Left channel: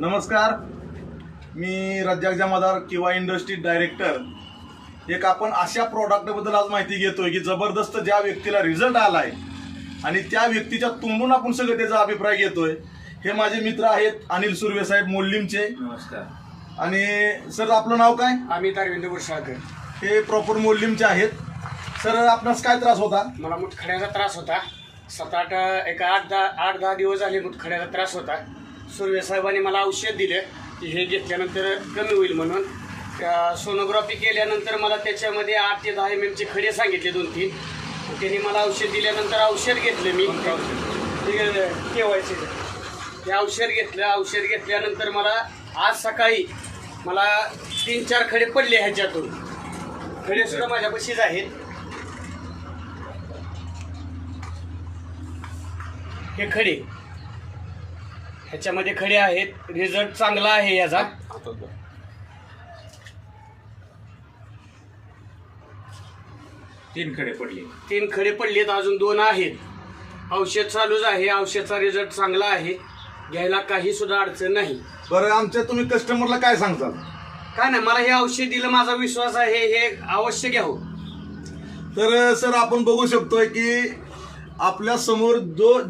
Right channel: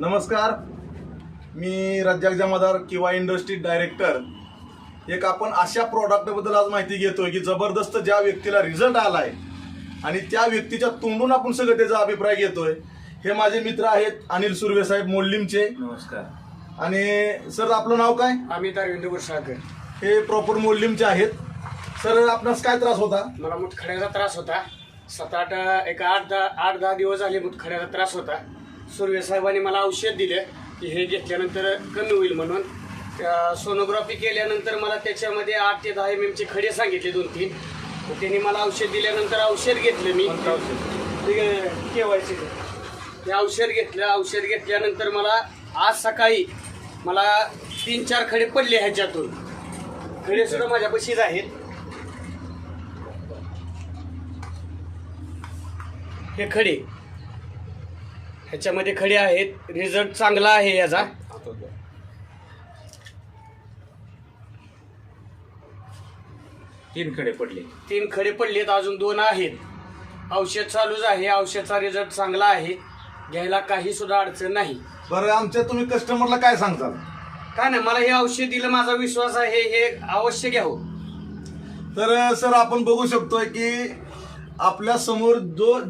नमस्कार, मी रज्जाक जमादार किंवा industry director. एक आपण अशा प्रॉडक्टबद्दल आज माहिती घेतोय की जबरदस्त ज्या व्यक्तीला रिझल्ट आलाय आणि त्या व्यक्तीच्या तोंडून आपण सगळं त्याचा अभिप्राय घेतोय. हे माझे मित्र आहेत अनिल सुर्वे साहेब मोल्लीमचे. नमस्कार. आणि सर आपलं नाव काय? अमित अरविंद गुरसाळकर. हे प्रॉपर मोल्लीमचे आहेत. सर आपणास काय त्रास होता? मला मुतखड्याचा त्रास होता. 8-10 दिवस झाले मुतखड्याचा त्रास होता. सुर्वे साहेबांनी मला औषध दिले की हे घेतल्यानंतर कमी होईल म्हणून. सोनोग्राफी केल्यानंतर मला त्याच्यामध्ये 8 ते 10 mm चे खडे सांगितले 2-3. त्यांनी मला औषध दिल्यानंतर औषध घेतलं मी. केवायचे ते औषध घेतलं. औषध घेतल्यानंतर मला आज सकाळी मला 3-4 खडे पडले. ह्याच्यातून खडे सुद्धा माझ्यापाशीच आहेत. हे खडे ह्याच्यामध्ये खडे आहेत. रिझल्ट चांगला आहे याचा. 3 खडे पडले. 3 खडे पडलेत, अजून 2 आहेत. औषध चालूच आहे. औषधचा रिझल्ट चांगला आहे. घ्यायला काही सुद्धा अडचण नाही. बरं, आमच्या तुम्ही कस्टमरला काय सांगताल? काय नाही, मला हे औषध दिलं, माझा विश्वास आहे हे अवश्य घ्यावं. तर सर आपण बघू शकतोय की आपल्या समोर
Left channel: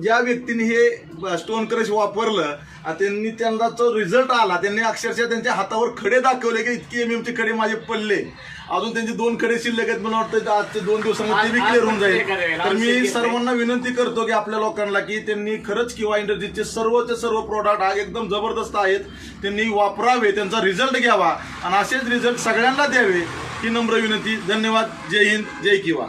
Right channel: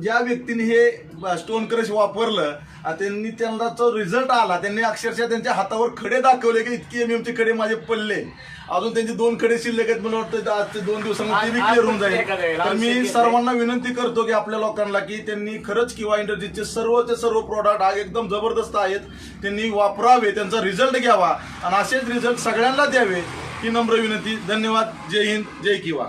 ज्या व्यक्तीने हे स्टोन क्रश वापरलं त्यांनी त्यांना जो रिझल्ट आला, त्यांनी अक्षरशः त्यांच्या हातावर खडे दाखवले की इतके MM चे खडे माझे पडले. अजून त्यांचे 2 खडे शिल्लक आहेत. मला वाटतं आजच्या 2 दिवसांमध्ये ते क्लिअर होऊन जाईल. तर मी सर्वांना विनंती करतो की आपल्या लोकांना की त्यांनी खरंच किंवा इंडस्ट्रीचे सर्वचे सर्व प्रोडक्ट आज एकदम जबरदस्त आहेत, त्यांनी वापरावे, त्यांचा रिझल्ट घ्यावा आणि असेच रिझल्ट सगळ्यांना द्यावे ही नम्र विनंती. धन्यवाद. जय हिंद, जय किवा.